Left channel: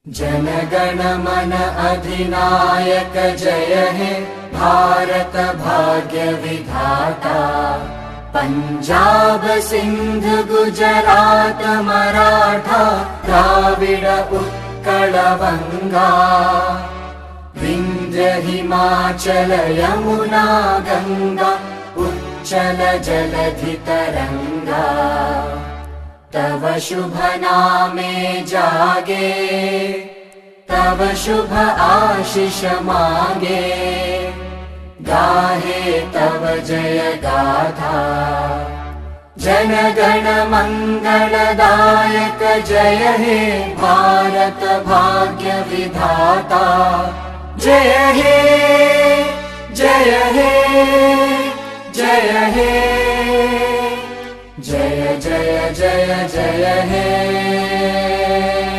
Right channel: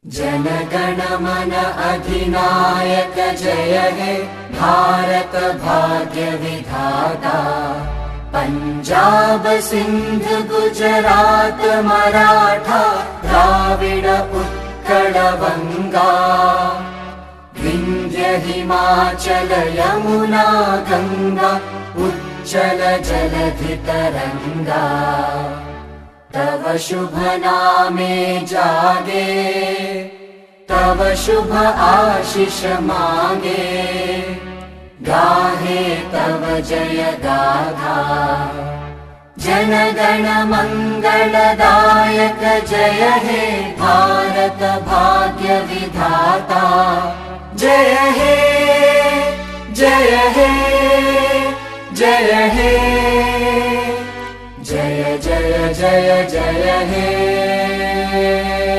जनगण मन अधिनायक जय हे भारत भाग्य विधाता। पंजाब सिंध गुजरात मराठा द्राविड उत्कल बंगा। विंध्य हिमाचल यमुना गंगा उच्चल जलधि तरंगा। तव शुभ नामे जागे तव शुभ आशीष मांगे। गाहे तव जय गाथा जन गण मंगलदायक जय हे भारत भाग्य विधाता। जय हे जय हे जय हे जय जय जय जय हे।